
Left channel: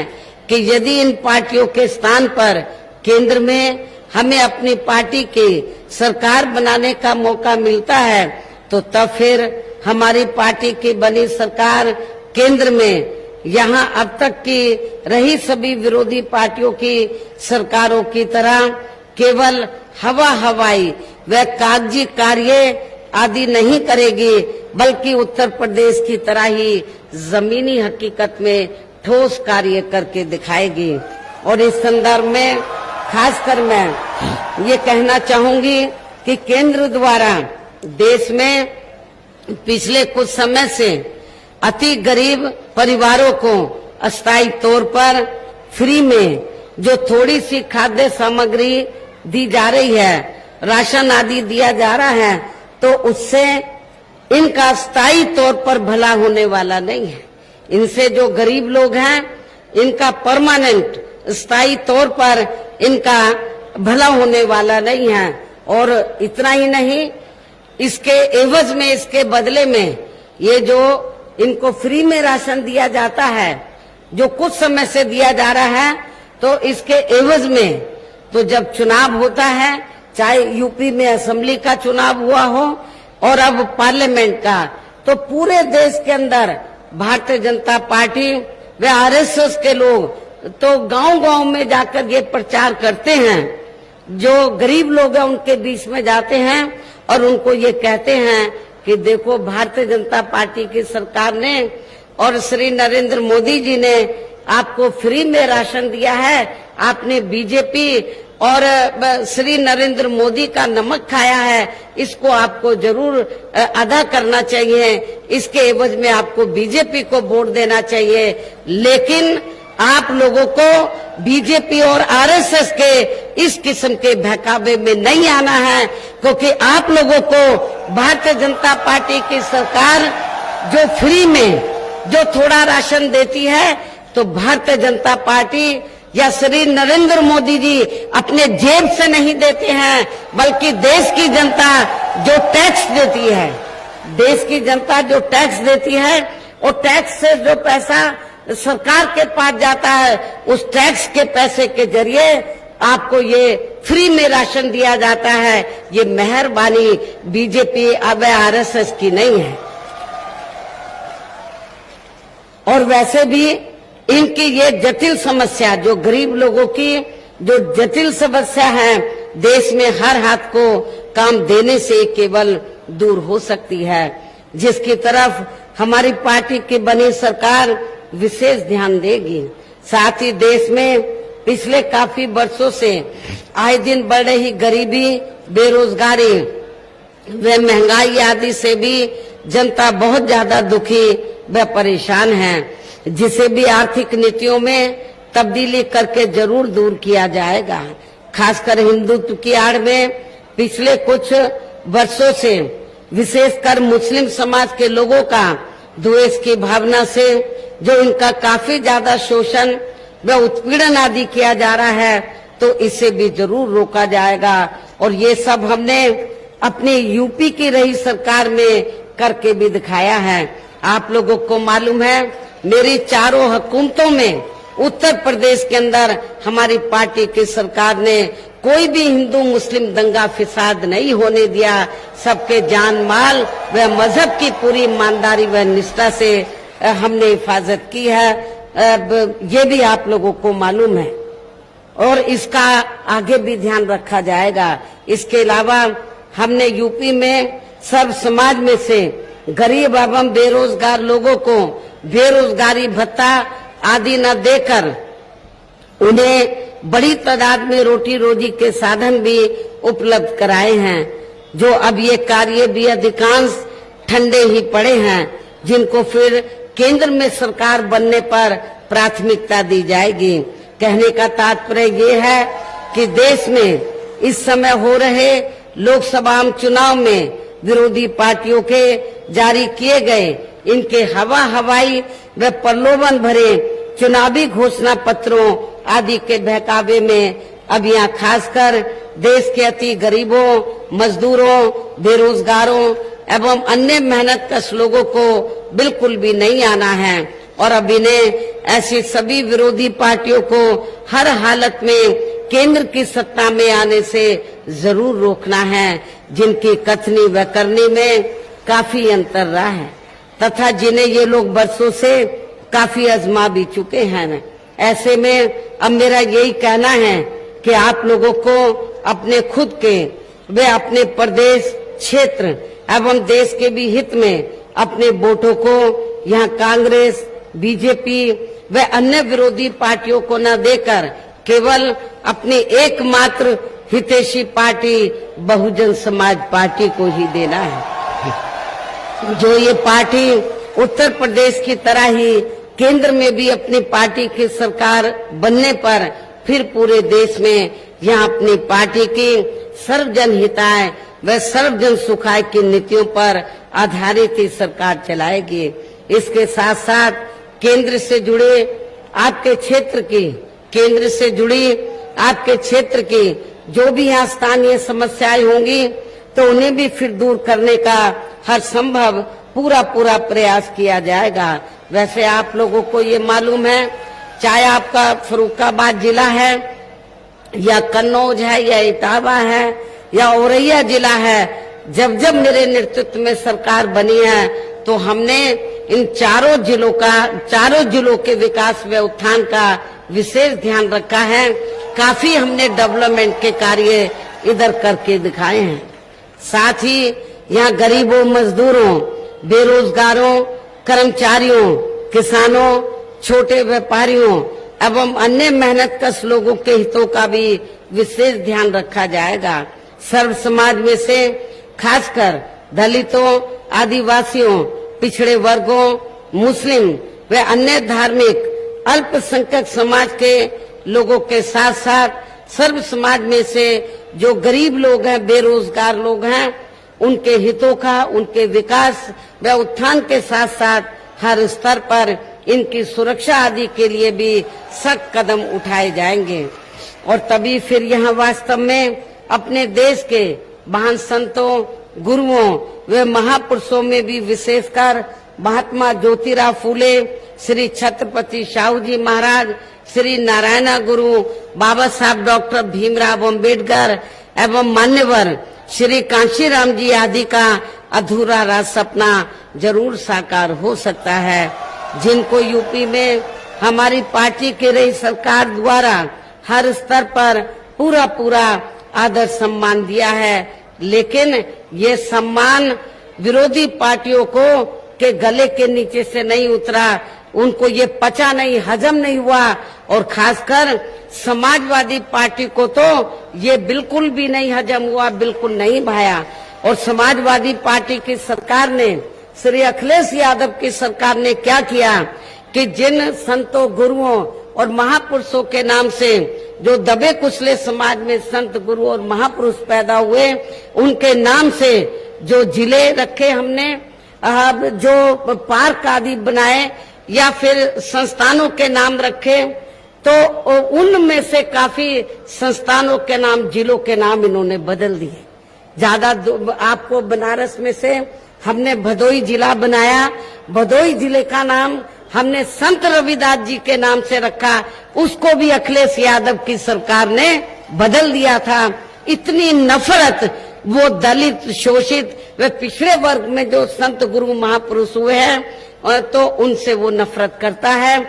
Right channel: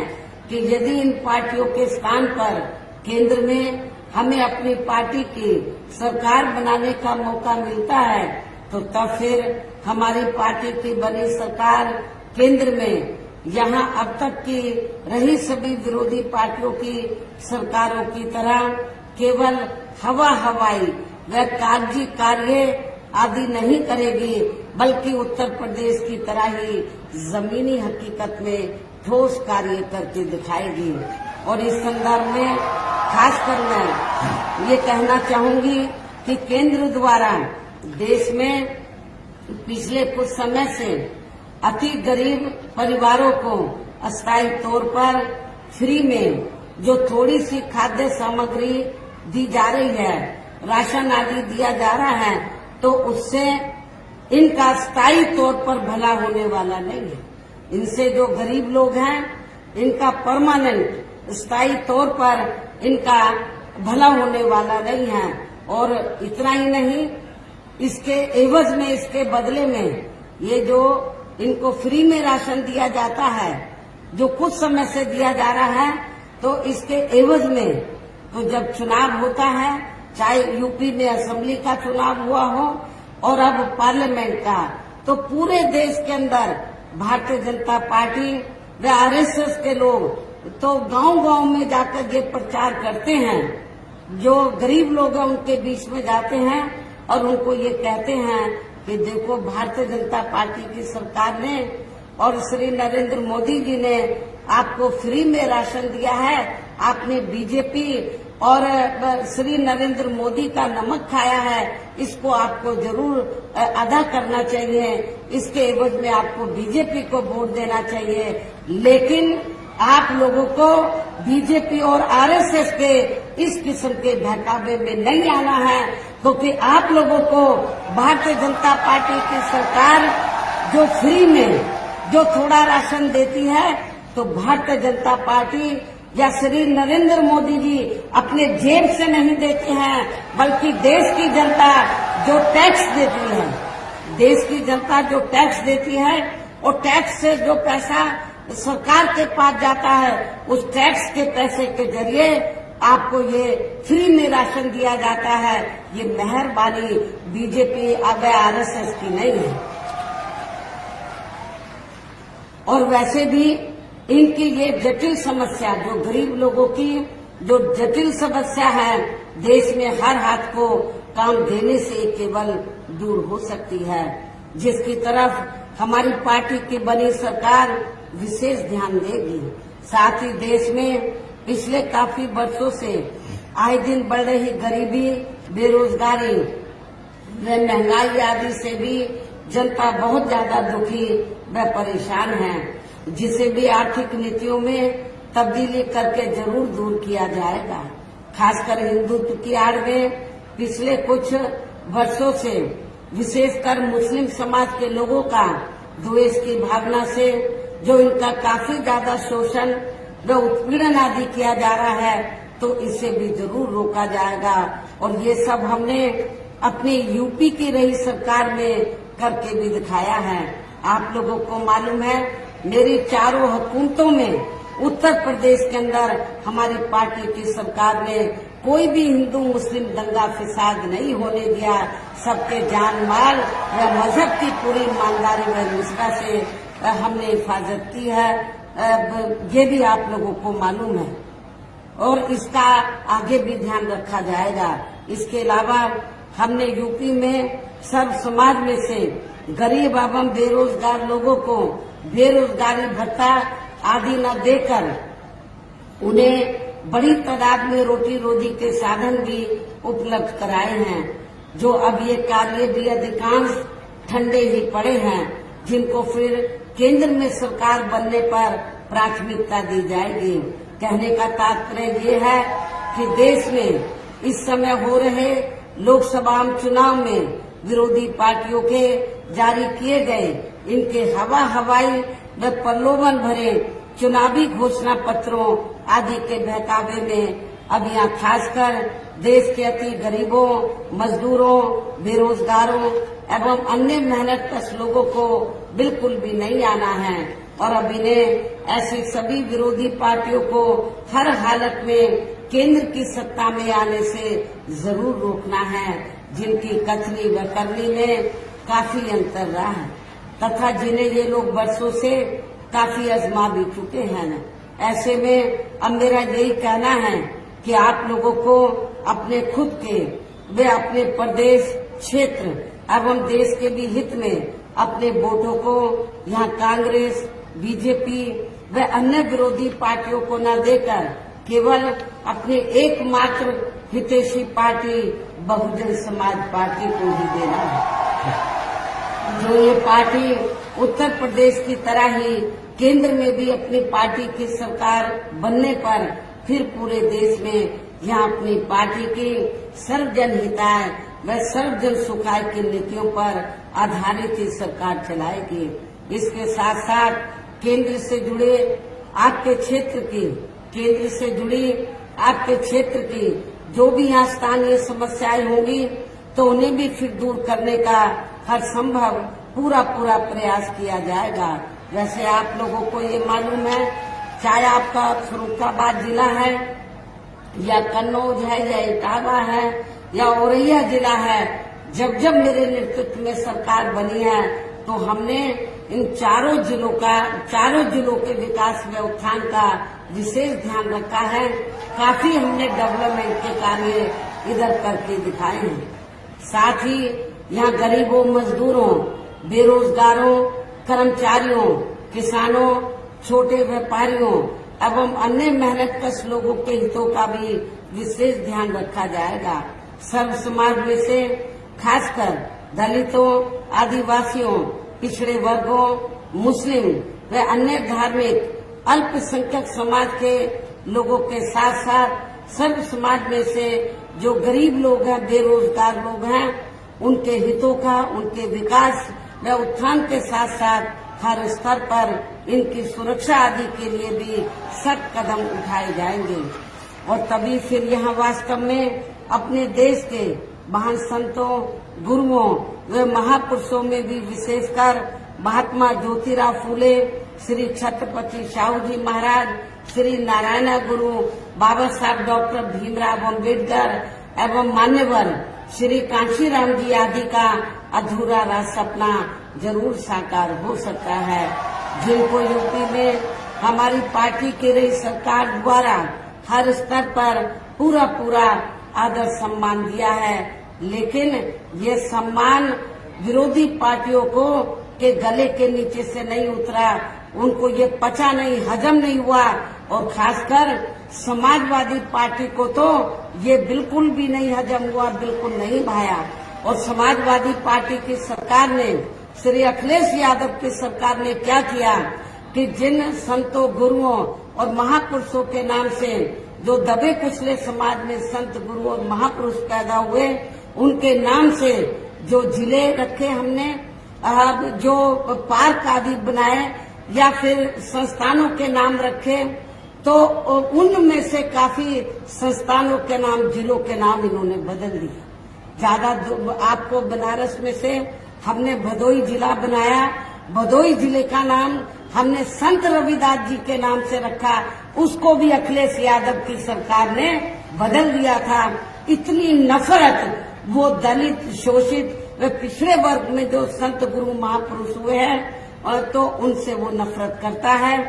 कि यदि इन पार्टियों के स्थान पर केंद्र में हमें अपनी पार्टी की सरकार बनाने का मौका मिलता है, तो तब फिर हमारी पार्टी की बनी सरकार केंद्र में यहाँ अब तक की रही सभी विरोधी पार्टियों की सरकारों की तरह केवल हवाई व कागजी कार्य आदि नहीं करेगी, बल्कि उत्तर प्रदेश की तरह ही जमीनी हकीकत में ठोस कार्य करके दिखाएगी। और इस संदर्भ में खासकर मैं ये कहना चाहूंगी कि केंद्र द्वारा देश में पिछले कुछ समय से अति गरीब परिवारों को अस्थायी तौर पर फ्री में जो थोड़ी सी खाद्य सामग्री दी जा रही है, राशन आदि दिया जा रहा है, तो उससे इनका स्थायी तौर पर भला होने वाला नहीं है। इनसे जो गरीब लोग हैं, इनका परमानेंट स्थायी तौर पर इनका भला होने वाला नहीं है। और इतना ही नहीं, इसके एवज में, इसके बदले में ये जो इनको फ्री में राशन दिया जाता है, जो कुछ समय से दिया जा रहा है, तो इसके एवज में तो जब चुनाव होता है, चाहे यूपी में असेंबली का चुनाव हुआ हो और अब पार्लियामेंट का, तो पूरे देश के अंदर भारतीय जनता पार्टी व आरएसएस के लोग तो गांव-गांव में जाकर ये प्रचार करते हैं। जो गरीब लोग हैं उनके बीच में जाते हैं और उनको ये कहते हैं कि देखो, भारतीय जनता पार्टी की सरकार ने और श्री नरेंद्र मोदी जी ने आपको फ्री में राशन दिया है। आपने बीजेपी और श्री नरेंद्र मोदी का नमक खाया है, इसको आपको जरूर अदा करना चाहिए। इसके एवज में आपको बीजेपी को वोट देना चाहिए। लेकिन आप लोगों को बीजेपी और आरएसएस के इस किस्म के बहकावे में नहीं आना है, क्योंकि आप लोगों को भारतीय जनता पार्टी की सरकार जो फ्री में जो थोड़ा राशन देती है, तो भारतीय जनता पार्टी या श्री नरेंद्र मोदी जी अपने जेब से नहीं देते हैं, बल्कि देश की जनता जो टैक्स देती है, देश की जनता जो टैक्स देती है, और टैक्स से जो पैसा सरकार के पास जाता है, उस टैक्स के पैसे के जरिए आपको ये फ्री में राशन दिया जाता है। ये मेहरबानी बीजेपी अब आरएसएस की नहीं है। और वैसे भी इनकी ये जटिल समस्या, जो गरीब लोगों की जो जटिल समस्या है, देश में हर हाथ को काम देने से केवल दूर हो सकती है, जिसकी तरफ हमारी पार्टी की बनी सरकार विशेष ध्यान देगी। साथ ही देश में पिछले काफी वर्षों से आए दिन बढ़ रही गरीबी, बेरोजगारी व महंगाई आदि से भी जनता बहुत ज्यादा दुखी व परेशान है, जिसे भी आर्थिक नीतियों में तब्दीली करके जरूर दूर किया जाएगा। खासकर हिंदुत्व की आड़ में पिछले कुछ वर्षों से विशेषकर मुस्लिम समाज के लोगों का द्वेष की भावना से जो इनका काफी ज्यादा शोषण व उत्पीड़न आदि किया जा रहा है, तो इसे भी जरूर रोका जाएगा। और ये सब हमने अपनी यूपी की रही सरकार में करके भी दिखाया है। आप लोगों को मालूम है, मेरी चारों हुकूमतों में उत्तर प्रदेश के अंदर हमारी पार्टी की सरकार ने कोई भी हिंदू मुस्लिम दंगा फिसाद नहीं होने दिया। सबके जान माल व मजहब की पूरी ईमानदारी व निष्ठा से हमने हिफाजत की है। ये भी आप लोगों को मालूम है और इसका आगे भी ध्यान रखा जाएगा। इसके अलावा हमने यूपी में सर्व समाज में से गरीब एवं बेरोजगार लोगों को बेरोजगारी भत्ता आदि न देकर उन्हें बड़ी तादाद में रोटी रोजी के साधन भी उपलब्ध कराए हैं। जो अब ये कार्य भी अधिकांश ठंडे ही पड़े हैं, जिनको फिर केंद्र में सरकार बनने पर प्राथमिकता दी जाएगी। कहने का तात्पर्य ये है कि देश में इस समय हो रहे लोकसभा चुनाव में विरोधी पार्टियों के जारी किए गए इनके हवाई व प्रलोभन भरे चुनावी घोषणा पत्रों आदि के बहकावे में अब यहाँ खासकर देश के अति गरीबों, मजदूरों, बेरोजगारों एवं अन्य मेहनतकश लोगों को बिल्कुल भी नहीं आना है। और अब इन्हें ऐसी सभी विरोधी पार्टियों को हर हालत में केंद्र की सत्ता में आने से जरूर रोकना है, जिनकी कथनी व करनी में काफी अंतर रहा है तथा जिन्हें ये लोग बरसों से काफी आजमा भी चुके हैं। ऐसे में अब मेरा यही कहना है कि आप लोगों को अपने खुद के वे अपने प्रदेश, क्षेत्र एवं देश के भी हित में अपने वोटों को यहाँ कांग्रेस, बीजेपी व अन्य विरोधी पार्टियों को न देकर केवल अपनी एकमात्र हितैषी पार्टी बहुजन समाज पार्टी को ही देना है। जो ये पार्टी उत्तर प्रदेश की तरह ही केंद्र में भी अपनी पार्टी की सरकार बनने पर फिर पूरे देश में यहाँ अपनी पार्टी की सर्वजन हिताय व सर्वजन सुखाय की नीतियों पर आधारित ही सरकार चलाएगी। इसके साथ साथ केंद्र से जुड़े आपके क्षेत्र की जो भी यहाँ स्थानीय समस्याएं होंगी तो उन्हें भी फिर दूर करने का हर संभव पूरा प्रयास किया जाएगा। वैसे आप लोगों को ये मालूम है, चाहे आपका फर्रुखाबाद जिला है या कन्नौज है या इटावा है या औरैया जिला है, जब मेरे नेतृत्व में सरकार बनी है तो हमने इन चारों जिलों के विकास व उत्थान का विशेष ध्यान रखा है। काफी हमने डेवलपमेंट के कार्य इधर करके दिखाए हैं। साथ ही यहाँ गरीबों, मजदूरों, बेरोजगारों, कर्मचारियों, किसानों, छोटे व्यापारियों एवं अन्य मेहनतकश लोगों के हितों का भी विशेष ध्यान रखा जाएगा। सर्व समाज में से खासकर दलितों, आदिवासियों, पिछड़े वर्गों, मुस्लिम व अन्य धार्मिक अल्पसंख्यक समाज के लोगों के साथ साथ सर्व समाज में से जो गरीब लोग हैं, बेरोजगार लोग हैं, उनके हितों का, उनके विकास व उत्थान के साथ साथ हर स्तर पर इनकी सुरक्षा आदि के लिए भी सख्त कदम उठाए जाएंगे। और तभी फिर यहाँ वास्तव में अपने देश के महान संतों, गुरुओं व महापुरुषों में भी विशेषकर महात्मा ज्योतिराव फूले, श्री छत्रपति शाहू जी महाराज, श्री नारायण गुरु, बाबा साहब डॉक्टर भीमराव अम्बेडकर एवं मान्यवर श्री कांशीराम जी आदि का अधूरा राज सपना जरूर साकार हो सकता है, जिनको यूपी में हमारी पार्टी के रही सरकार द्वारा हर स्तर पर पूरा आदर सम्मान दिया है। लेकिन ये सम्मान विरोधी पार्टियों को के गले के नीचे से नहीं उतरा, उनको ये पचा नहीं, हजम नहीं हुआ। और खासकर समाजवादी पार्टी को तो ये बिल्कुल भी नहीं हजम हुआ, बिल्कुल नहीं भाया। और समाजवादी पार्टी की सरकार ने, श्री अखिलेश यादव की सरकार ने क्या किया कि जिन संतों, गुरुओं और महापुरुषों के नाम से जो दबे कुचले समाज में संत, गुरु और महापुरुष पैदा हुए, उनके नाम से जो जिले रखे हमने, जो पार्क आदि बनाए या फिर संस्थानों के नाम रखे, तो उनमें से काफी संस्थानों के नाम, जिलों के नाम इन्होंने बदल दिए। ज्यादा आपको बनारस में से हमने भदोई जिला बनाया, भदोई जिले का नाम हमने संत रविदास जी के नाम से रखा, उसको भी अखिलेश यादव की सरकार ने बदल दिया था। इतनी नफरत वो दलित, शोषित व पिछड़े वर्ग में जो संत, गुरु, महापुरुष हुए हैं, तो उनसे वो नफरत करता है।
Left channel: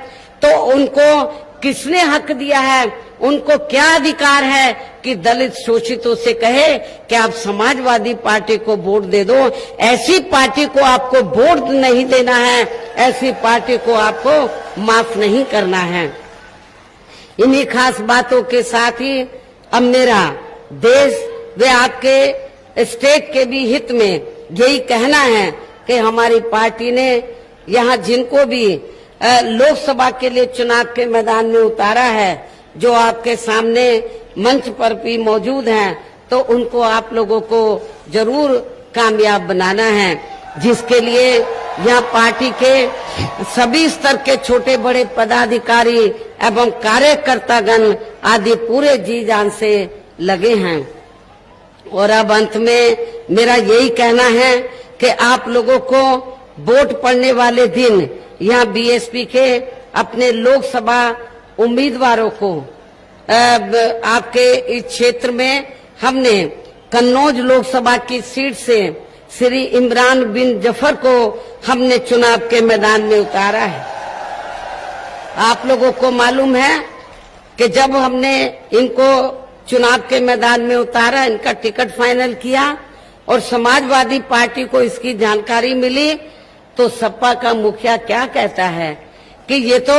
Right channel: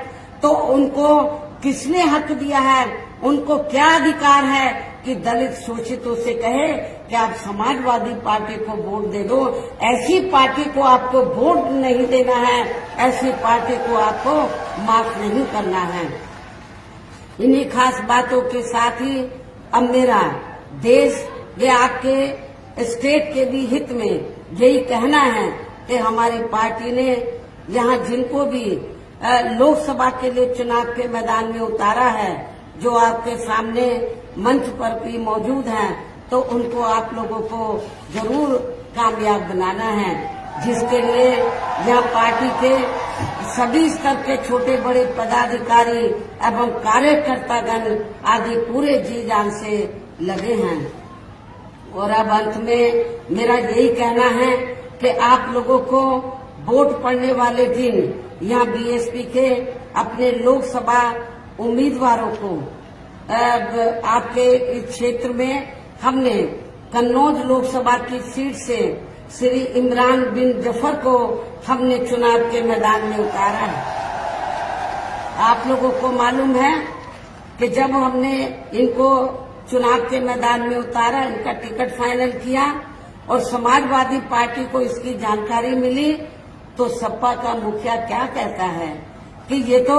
तो उनको किसने हक दिया है, उनको क्या अधिकार है कि दलित शोषितों से कहे कि आप समाजवादी पार्टी को वोट दे दो? ऐसी पार्टी को आपको वोट नहीं देना है, ऐसी पार्टी को आपको माफ नहीं करना है। इन्हीं खास बातों के साथ ही अब मेरा देश व आपके स्टेट के भी हित में यही कहना है कि हमारी पार्टी ने यहाँ जिनको भी लोकसभा के लिए चुनाव के मैदान में उतारा है, जो आपके सामने मंच पर भी मौजूद हैं, तो उनको आप लोगों को जरूर कामयाब बनाना है, जिसके लिए यहाँ पार्टी के सभी स्तर के छोटे बड़े पदाधिकारी एवं कार्यकर्तागण आदि पूरे जी जान से लगे हैं। और अब अंत में मेरा यही कहना है कि आप लोगों को वोट पड़ने वाले दिन यहाँ बीएसपी के अपने लोकसभा उम्मीदवारों को आपके इस क्षेत्र में हमने कन्नौज लोकसभा की सीट से श्री इमरान बिन जफर को हमने चुनाव के मैदान में उतारा है। आप लोगों को मालूम है कि जब हमने इनको चुनाव के मैदान में उतारा, इनका टिकट फाइनल किया और समाजवादी पार्टी को इसकी जानकारी मिली तो सपा का मुखिया क्या कहता है कि ये तो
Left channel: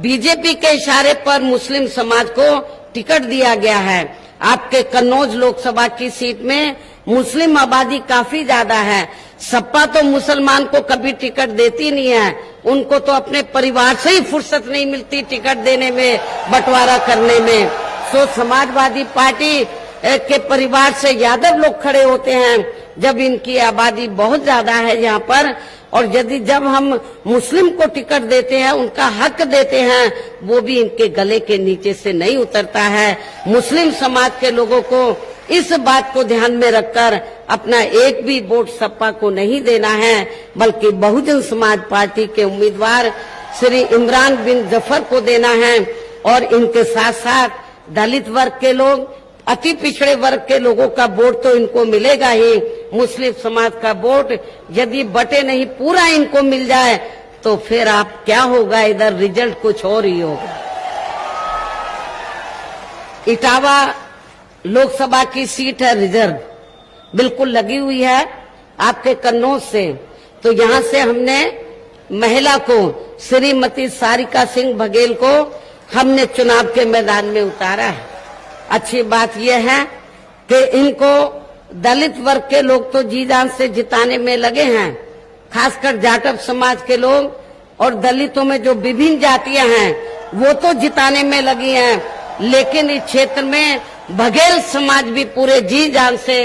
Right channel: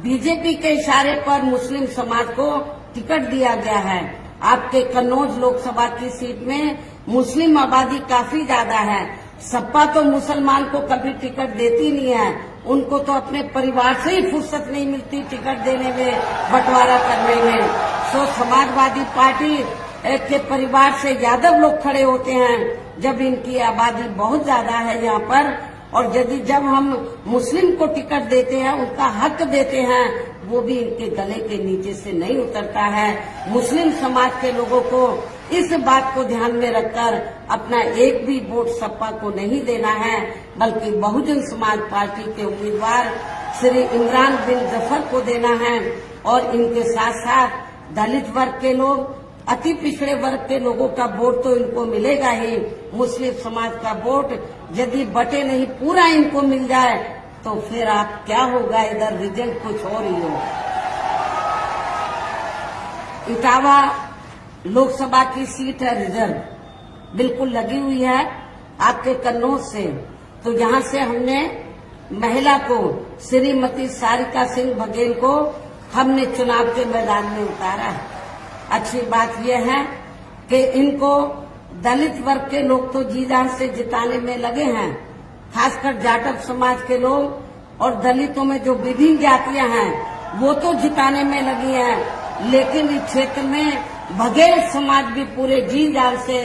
बीजेपी के इशारे पर मुस्लिम समाज को टिकट दिया गया है। आपके कन्नौज लोकसभा की सीट में मुस्लिम आबादी काफी ज्यादा है, सपा तो मुसलमान को कभी टिकट देती नहीं है, उनको तो अपने परिवार से ही फुर्सत नहीं मिलती टिकट देने में, बंटवारा करने में। तो समाजवादी पार्टी के परिवार से यादव लोग खड़े होते हैं जब इनकी आबादी बहुत ज्यादा है यहाँ पर, और यदि जब हम मुस्लिम को टिकट देते हैं, उनका हक देते हैं, वो भी इनके गले के नीचे से नहीं उतरता है। मुस्लिम समाज के लोगों को इस बात को ध्यान में रखकर अपना एक भी वोट सपा को नहीं देना है, बल्कि बहुजन समाज पार्टी के उम्मीदवार श्री इमरान बिन जफर को देना है। और इनके साथ साथ दलित वर्ग के लोग, अति पिछड़े वर्ग के लोगों का वोट तो इनको मिलेगा ही, मुस्लिम समाज का वोट यदि बटे नहीं पूरा इनको मिल जाए तो फिर आप क्या होगा, इधर रिजल्ट कुछ और ही होगा। इटावा लोकसभा की सीट है रिजर्व, बिल्कुल लगी हुई है आपके कन्नौज से, तो यहाँ से हमने महिला को श्रीमती सारिका सिंह बघेल को हमने चुनाव के मैदान में उतारा है। अच्छी बात यह है कि इनको दलित वर्ग के लोग तो जी जान से जिताने में लगे हैं, खासकर जाटव समाज के लोग और दलितों में जो विभिन्न जातियां हैं वो तो जिताने में लगी हैं, लेकिन इस क्षेत्र में बघेल समाज भी पूरे जी जान से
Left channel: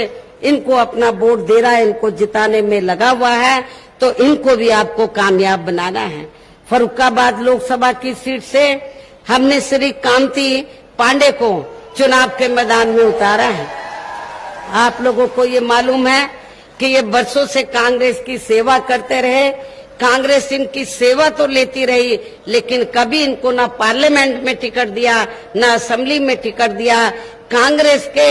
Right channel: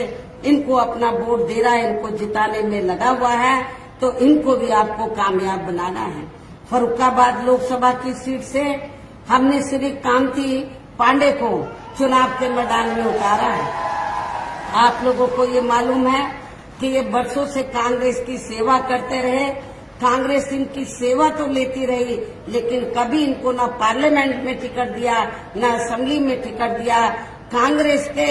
इनको अपना वोट दे रहा है, इनको जिताने में लगा हुआ है, तो इनको भी आपको कामयाब बनाना है। फर्रुखाबाद लोकसभा की सीट से हमने श्री कांति पांडे को चुनाव के मैदान में उतारा है। आप लोगों को ये मालूम है कि ये बरसों से कांग्रेस की सेवा करते रहे, कांग्रेस इनकी सेवा तो लेती रही, लेकिन कभी इनको ना पार्लियामेंट में टिकट दिया, ना असेंबली में टिकट दिया। कांग्रेस के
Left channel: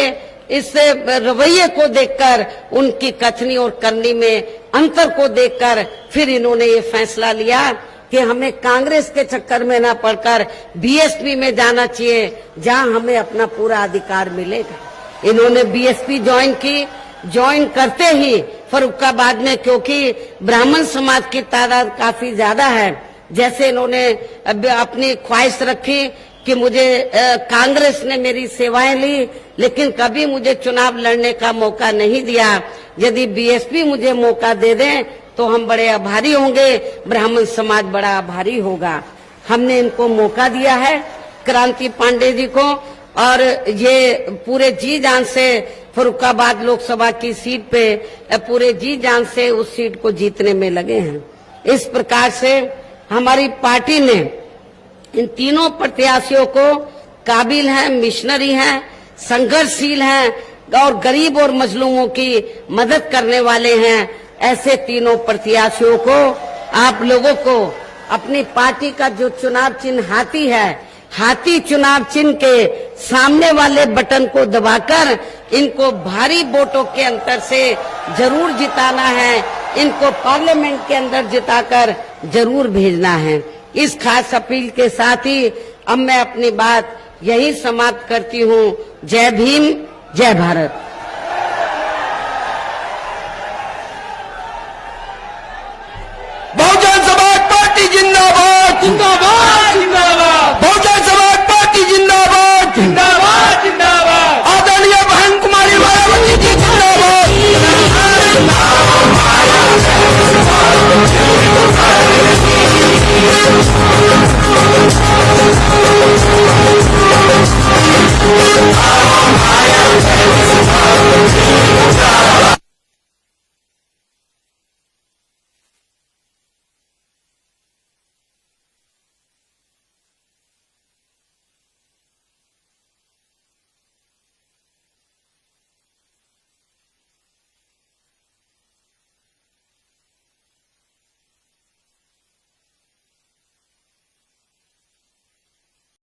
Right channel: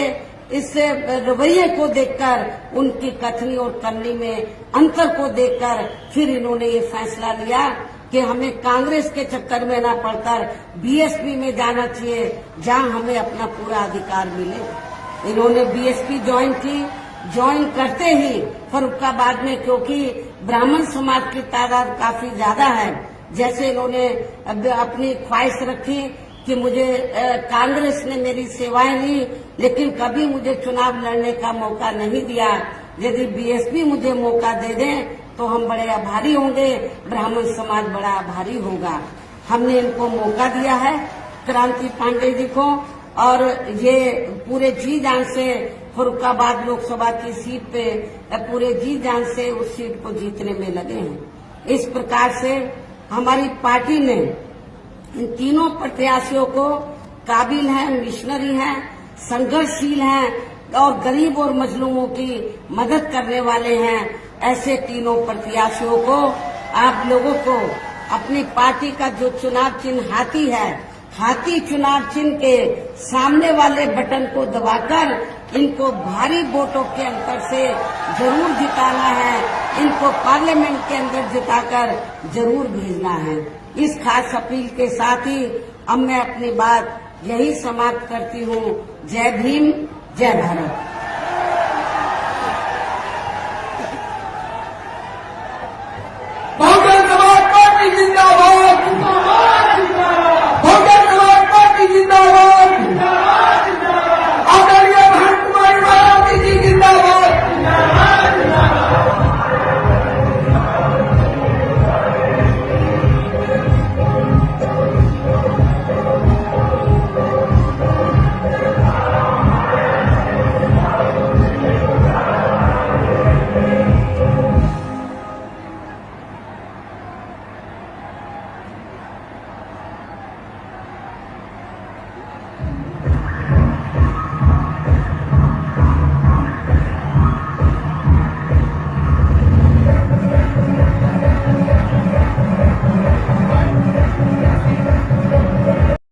इस रवैये को देखकर, उनकी कथनी और करनी में अंतर को देखकर फिर इन्होंने ये फैसला लिया कि हमें कांग्रेस के चक्कर में ना पड़कर बीएसपी में जाना चाहिए, जहां हमें अपना पूरा अधिकार मिलेगा। इन्होंने बीएसपी ज्वाइन की, ज्वाइन करते ही फर्रुखाबाद में, क्योंकि ब्राह्मण समाज की तादाद काफी ज्यादा है, जैसे इन्होंने अपनी ख्वाहिश रखी कि मुझे कांग्रेस ने मेरी सेवाएं ली, लेकिन कभी मुझे चुनाव लड़ने का मौका नहीं दिया। यदि बीएसपी मुझे मौका दे दे तो हम बड़े आभारी होंगे, ब्राह्मण समाज बड़ा आभारी होगा। हमने इनको मौका दिया है, क्रांति पांडे जी को, और ये पूरे जी जान से फर्रुखाबाद लोकसभा की सीट पे पूरे जी जान से उस सीट को जीतने में लगे हैं। इस प्रकार से हमारी पार्टी ने इन तीनों प्रत्याशियों को काबिल हैं, मिशनरी हैं, संघर्षशील हैं और गरीब और मजलूमों की मदद करने वाले हैं, ऐसे तीनों प्रत्याशियों को आप लोगों को अपनी पार्टी का जो चुनाव चिन्ह हाथी है, हाथी चुनाव चिन्ह के सामने वाले बटन को दबाकर इनको भारी वोटों के अंतर से जरूर जिताना है, इनको पार्लियामेंट के अंदर जिताकर जरूर भेजना है। इस खास अपील के साथ ही अब मैं अपनी बात यही समाप्त करती हूँ। जय भीम, जय भारत।